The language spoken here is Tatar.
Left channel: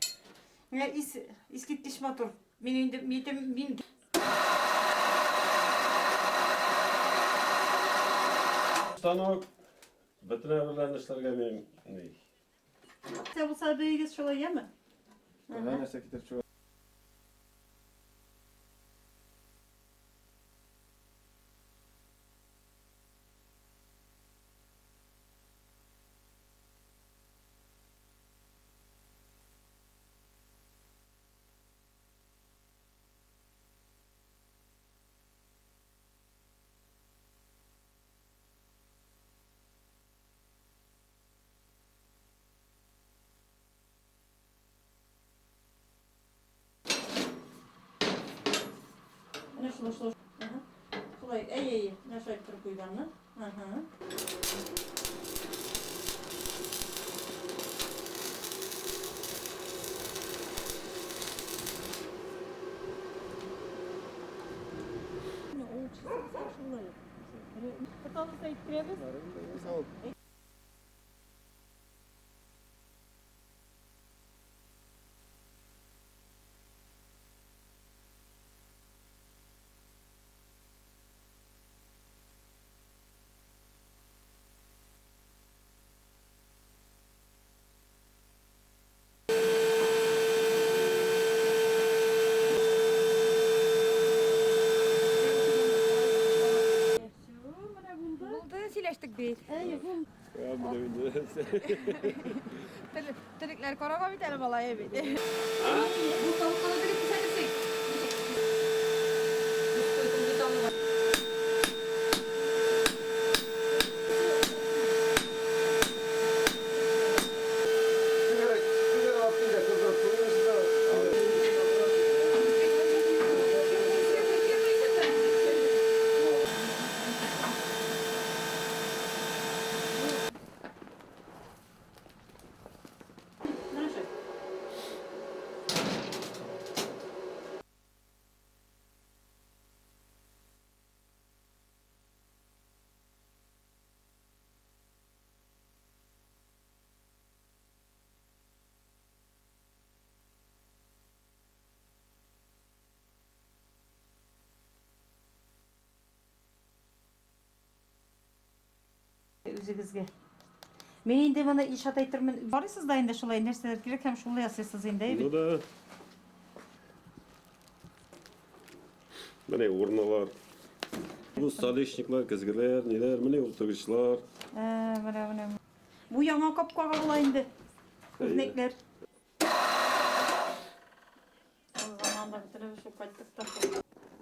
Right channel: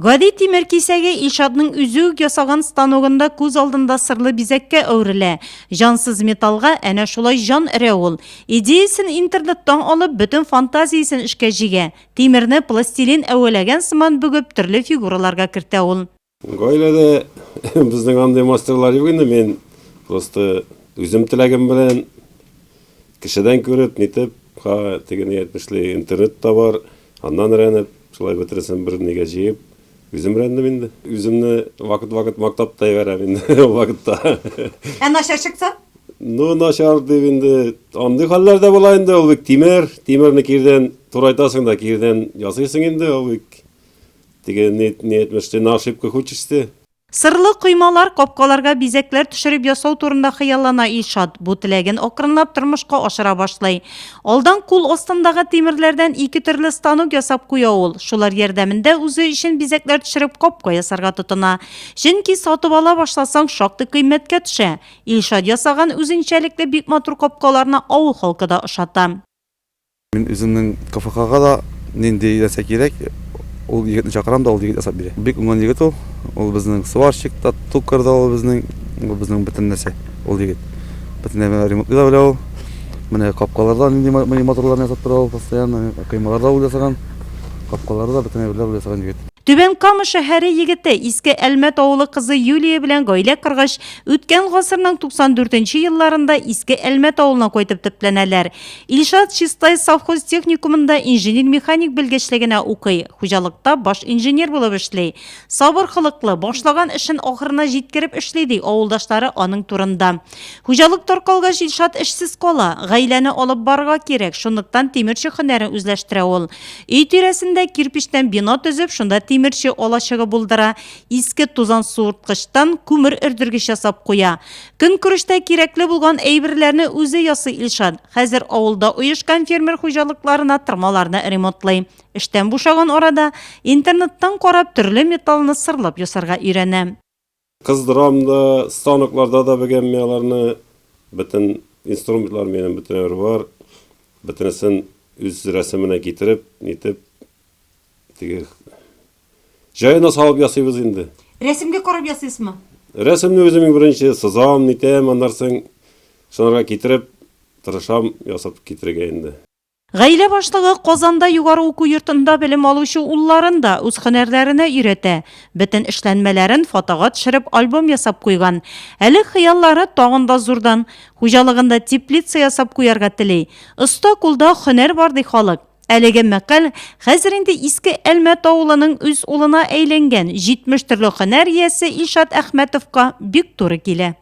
Гади тимер кисәге Илшатның үзе үк ясаган станогында күз алдында сырлы бизәккә әверелә. Жансыз металлга әнә шулай жан өрә ул. Идеясын интернеттан алып, бөтен фантазиясын эшкә җигә. Тимерне пластилин әвәләгән сыман бүгеп, төрле фигураларга кертә ул. Гаиләдә безнең андый мастерлар юк инде, мен просто үзем теләгем белән кешедән күреп, нитеп, теге әйтмешле интернетта бар, аннан рәнеп, шулай бетерсен бер нигә җыеп, үзем рәндем инде. Үземне вакыт мактапта ябарам инде вакытта. Начар чыкса? Ну, начар дип инде, андый хәлләрдә була инде, ул бик тимерне кирдән турайтасың да кирдән ясыйсың инде, ул бик теге әйтмешле на ошибка хүчеште. Сырлы коймалар, капкаларга бизәкләр төшереп ясау турында хыяллана Илшат. Бу теләген акрынлап тормышка ашыра башлый. Алдан кул астындагы тимерләрдән ике төрле станок ясап куя ул. Шулар ярдәмендә үзе өчен бизәкләр төшереп капка ясарга тотына. Чөнки сатып ала башласаң шактый кыйммәткә төшә. Илшат ясаган үзенчәлекле бик матур капкаларны авыл халкы да ошата. Мин үземнең КФКга да нинди ясак кирәк. Ул егетне чакырам да ул егет ясап бирә. Бик уңган егет ул. Ул безнең сварщик та, тукыр да ул безнең бөтен нәрсә. Ул егет. Бөтен ремонт да белә ул. Менә капкаларда нинди моторларны ясап тора ул постоянно. Коймаларда ул ясаган. Капкаларда бөтен ул ясаган егет. Түбән Кама шәһәре егете Иске Әлмәт авылы кызы Юлия белән гаилә кыргыч үткән гасырның 94нче елларында Иске Әлмәт авылына кайтып төпләнәләр. Илшат Чистай совхоз техникумында инженер-механик белгечлегенә укый. Хуҗалыкта баш инженер булып эшли. Сабыр хылыклы, башлаган эшен ахырына җиткереп эшли ди авылдашлары аның турында. Хуҗалык таркалгач Илшат эшсез кала. Гаиләне алып барырга кирәк. Шунлыктан тимерче һөнәрен үзләштерә ул. Өй тирәсендә кирпичтән бина төзеп, шунда тимерче алачыгы булдыра. Иске тузан суырткычтан күмер өрдергеч ясап куя. Көн күрештә кирәкле булган әйберләрне үзе ясый Илшат. Хәзер авылда оешкан фермер хуҗалыкларына тырмаларны ремонтлый. Эштән бушаган арада интернеттан карап төрле металлны сырлап ясарга өйрәнә. Кыздырам да, станокларда да бегәнме аларны, бөтен инструментлар менен бөтенләре бар. Бөтенесен үз рәсеменә китереп, нитеп, теге җаена салып ясыйбыз инде. Рәсемгә карап ясыйсызмы? Рәсемне үзем беренче сызам, нитәм, аннан соң шунарга китереп, тырышам ясап китергә инде. Гаилә башлыгы Казанда югары уку йортында белем алучы улларын да үз һөнәрләренә өйрәтә. Бөтен эшләнмәләрен фотога төшереп альбом ясап куйган. Әле хыяллары тагын да зурдан. Хуҗалыгында теплица ясап куярга тели. Оста кулда һөнәр бар ди халык. Әлеге мәкаль хәзер инде Иске Әлмәт авылының үз улына әйләнгән 70 төрле һөнәр иясе Илшат Әхмәтовка бик туры килә.